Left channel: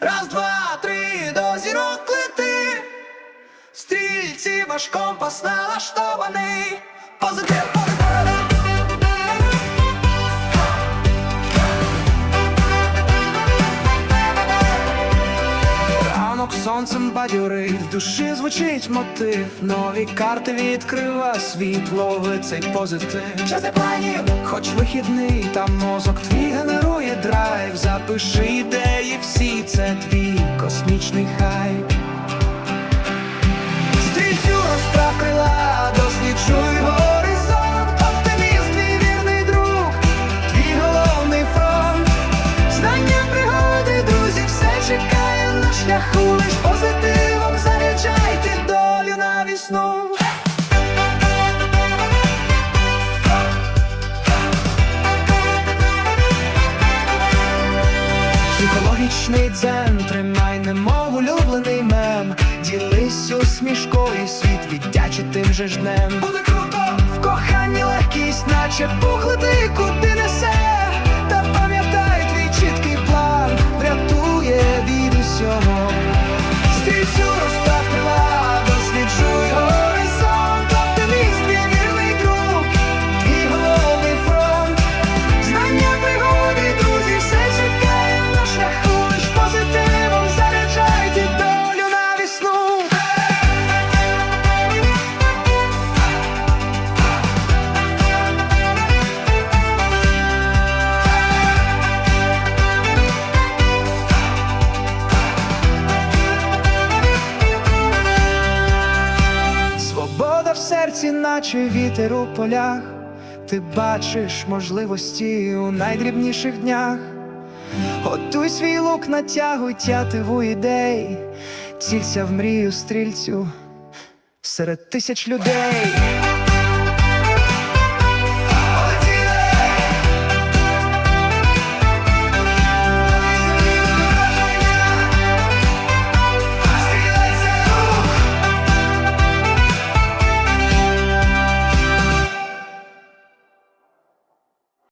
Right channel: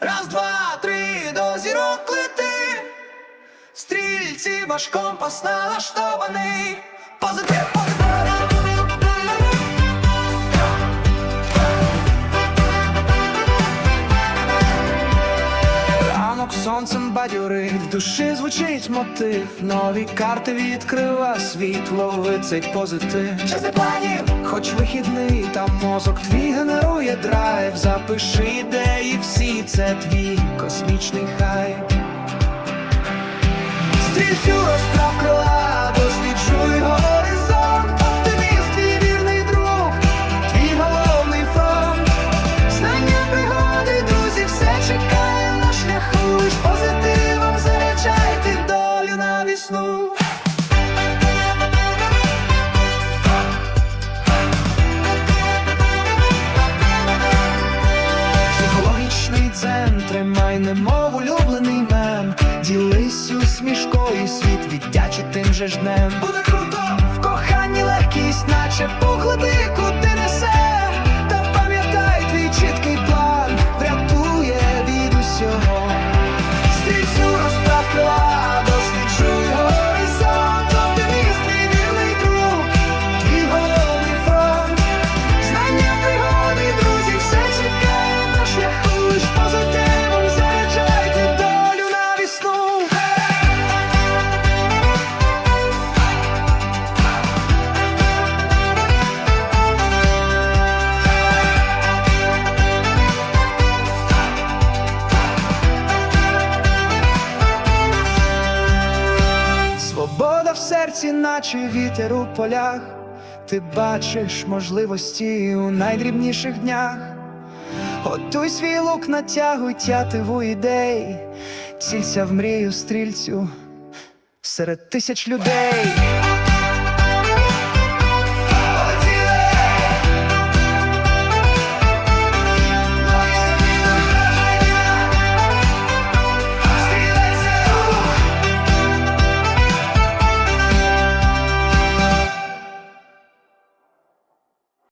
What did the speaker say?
Раз, два, три, до зірок лети. Стрільці ваш компас налаштований. Ранок сонцем бадьорить, в душі звучить мотив. Нові карти відкрива світ, лови цей позитив. Час для планів, хоч вихідний, та мозок твій генерує драйв. Запиши ідеї всі, це твій космічний хайп. Стрільцю розправ крила, шляху. Лиш позитивом заряджайте долю на вісну. Психологічний дзен, тримай немов улюблений мем. Ділись усмішкою, світ віддячить тим же ж днем. Буде круто! В коханні легкість, наче пухлити, куди несе. Стрільцю розправ крила, досліджуй горизонт. Свобода в серці, наче вітер у полях. Ти бачиш можливості у найдрібніших днях. Готуй свій лук, натягуй тятиву ідей, цілься в мрію стрільцю серед тисяч людей.